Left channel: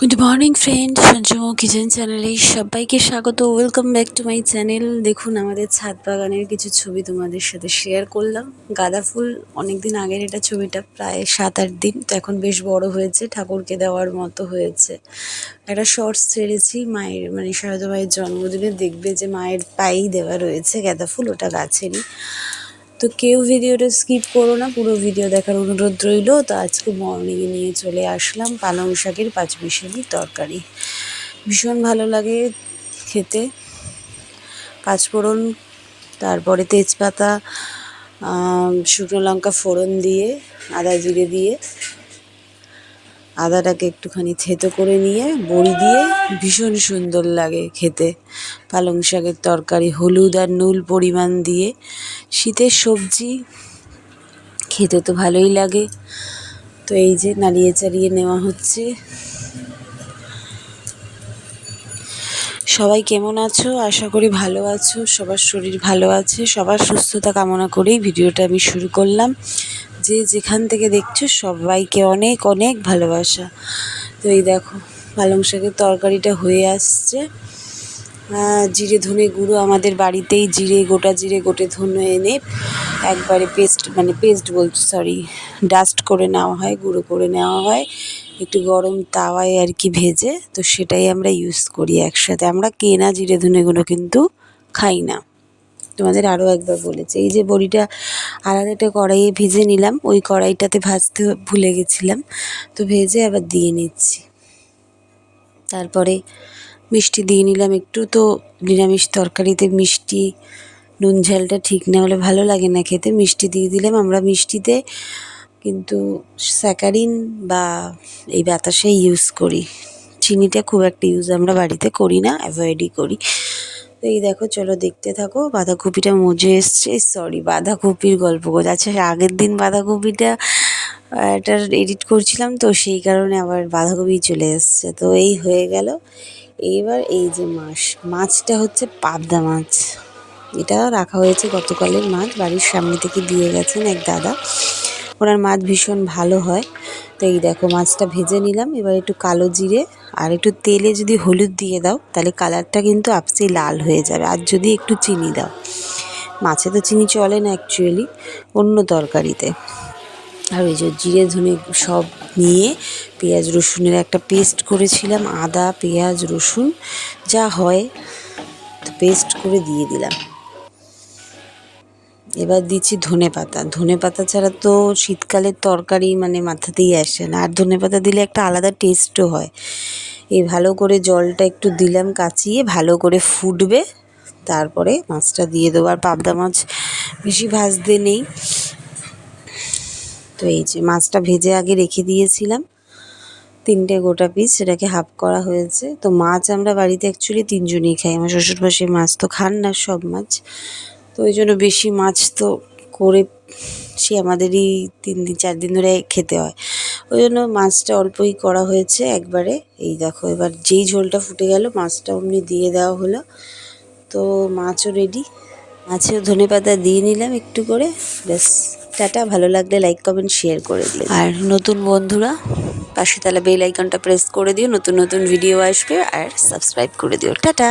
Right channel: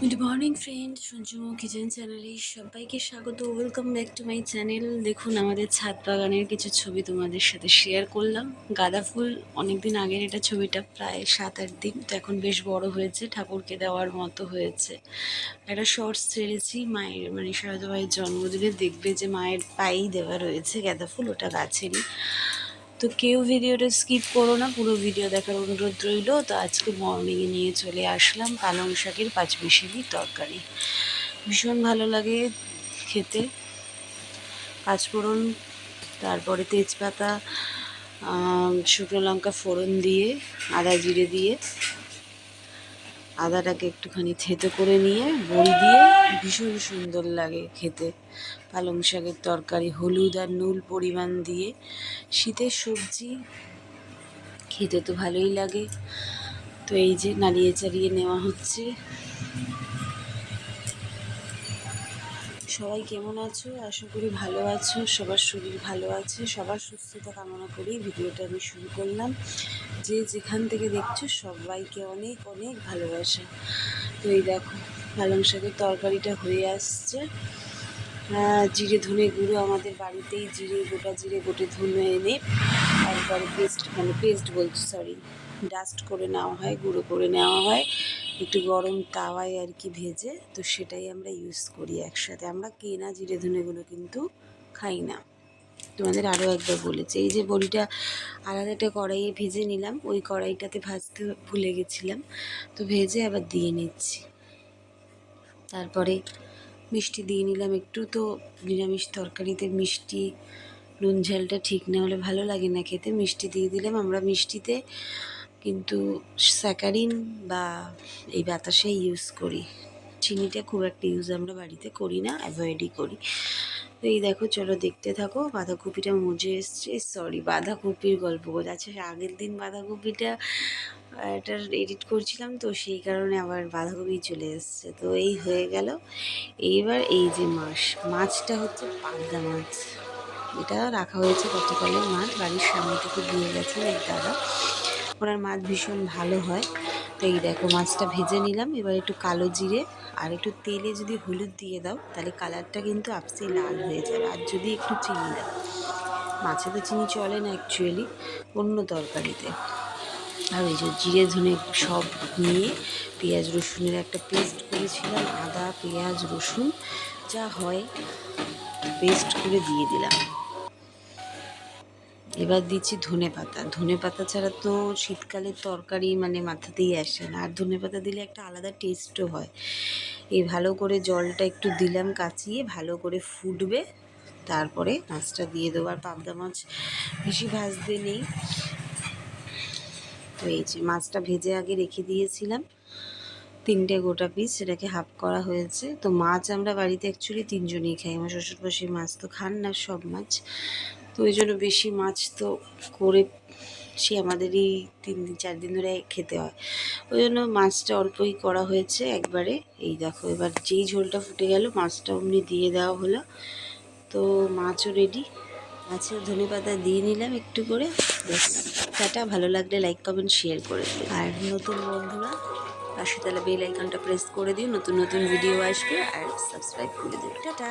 Good morning friend, Sanju kitchen চ্যানেলে সবাইকে স্বাগত। Welcome back to my channel. দেখুন, আমাদের ছাদ বাগানের কিছু ছবি তোমাদের সাথে শেয়ার করলাম। গাঁদা ফুল অনেক দিন আগের এটা ছবিটা, প্রায় 7-8 দিন, তো এখন বেশ বড় হয়েছে, ঠাকুরকে দেওয়ার মতো হয়েছে। একটা শর্টস ছেড়েছি মায়ের, মানে সারদা মায়ের জন্মদিনে, দেখবে যে মায়ের পায়েই দেওয়া রয়েছে গাঁদা ফুল, ওটা গাছেরই। তো কেউ ভিডিওটা স্কিপ করো না, পুরো ভিডিও দেখার অনুরোধ রইল। তো আজকে মর্নিংয়ে নিয়ে চলে আসলাম পালং শাকের পাঁচমিশালি তরকারি। ভীষণ ভালো লাগে খেতে। পাঁচফোড়ন, তারপরে তেজপাতা, শুকনো লঙ্কা ফোড়ন দিয়ে, আদা জিরে দিয়ে, আদাটাকে একটুখানি থেতো করে নিয়ে বড়ি দিয়ে ভীষণ সুন্দর লাগে খেতে পালং শাকের তরকারি। হলুদ আর নুন পরিমাণ দিয়ে, শীতের সবজি খেতে তো ভালোই লাগে। তো এই যে নাড়িয়ে চাড়িয়ে নেওয়া হচ্ছে। সবাই কেমন আছো? আশা করি ভালো আছো, সবার শরীর ভালো আছে। সবার সুস্থতা কামনা করেই ভিডিওটা আমি শুরু করলাম। যে যেখান থেকে দেখছো সবাইকে অনেক অনেক ভালোবাসা। তো এই দেখো, পালং শাকের তরকারিটা হয়ে আসছে। জিরে ধনে গুঁড়ো আমাদের বাড়িতেই গোটা জিরে গোটে ধনে এনে একবারে ডাস্ট করে নেওয়া হয়, গুঁড়ো করে নেওয়া হয় একটু গরম তাওয়ায় আর কি ভেজে। তো সেটাই আমরা ইউজ করি একসাথে। আমরা কেনা জিরে ধনে গুঁড়ো কিন্তু খাই না। তোমাদের আরও একবার বলেছি, এই যে বড়িটা আলাদা একটা কড়াইয়ে ভেজে নিলাম, ওই কড়াইটাতে ভাজতে ভুলে গেছিলাম, তো ভেজে আবার দিয়ে নিচ্ছি। তারপরে মিষ্টি দিয়ে নিলাম একটু। তো নিরামিষ তরকারিতে মিষ্টি নুন ঝালটা ঠিক না হলে ভালো লাগে না খেতে। মিষ্টি দিয়ে দিলাম। আমরা মিষ্টিতে কিন্তু স্যাকারিন বা এই বাতাসাই ইউজ করি, চিনিটা খুব একটা ইউজ আমরা বাড়িতে করি না, অ্যাভয়েডই করি। তো এই দেখো, চলো দেখতে থাকো। বাঁধাকপিটা মজে এসছে, বাঁধাকপির গল্প করছে। আচ্ছা, আগের দিন বাঁধাকপিটা এটার এডিট করছিলাম, তো সেই কারণে আবার বাঁধাকপি চলে এসছে। তো এই হয়ে গেল। এইবার এই যে মাছটা হচ্ছে পাবদা মাছ। এটা রাখা হয়েছে গতকালের মাছ, বাড়ির সামনে থেকে দিয়ে গেছেন এক দাদা, ওনার মাছ ভীষণ ভালো হয়। তো এই দেখো, মাছটা ভেজে নিলাম। এবার একটু কালো জিরে আর একটু তেলে যদি হলুদ দিয়ে দাও, তাহলে কালারটা কিন্তু আপসেই লাল হয়ে যাবে। আর যদি একটু চিনি দাও, মাছে তো চিনি চলে না অ্যাকচুয়ালি, অন্য তরকারিতে। আর ওই যে জিরে ধনে সব নিয়ে পেঁয়াজ রসুনের একটা পেস্ট করেছিলাম, আদা পেঁয়াজ রসুন যা হয় পেস্ট করে দিয়ে দিলাম। এবার দিচ্ছি ধনে পাতা ছাড়া তো শীতকালের তরকারি মানে মাথাতেই আসে না, আর ধনে পাতা দিলে একটা আলাদা টেস্টও হয়। এই ভালো করে জলটা একটু দিলাম কাচিয়ে, ভালো করে ফুটবে, তারপরে মাছটা দিয়ে দেবো। আর পাবদা মাছ বেশি ভাজতে নেই। তো এই যে মাছটা ভেজে আগে রেখে দিয়েছিলাম 3টে গোটা পিস, সেটাকে হাফ করা হয়েছে। তো মাছ আমরা বাড়িতে অ্যাকচুয়ালি 3জনই খাই। আমার শ্বশুরমশাই মাছ তো খান না সব মাছ, তো ওই জন্য বেশি মাছ তো করে সে আমাদেরই 3-4 দিন ধরে খেতে হয়, ওই জন্য মাছটা অল্পই করা হয়েছে একবারে। এই দেখো, এবার যেই ঝোলটা ফুটে গেল, মাছটা অমনি দিয়ে দেওয়া হলো। তো মাছও রেডি। মাছেও ধনেপাতা দিয়ে নিলাম একটু করে। ব্যাস, টাটা। ভালো লাগলে লাইক কমেন্ট শেয়ার করে দিও। আর নতুন বন্ধুরা পাশে তাহলে বেল আইকনটা প্রেস করে দিও, নতুন নতুন ভিডিও আসবে। আর সাবস্ক্রাইব করে দিও। টাটা।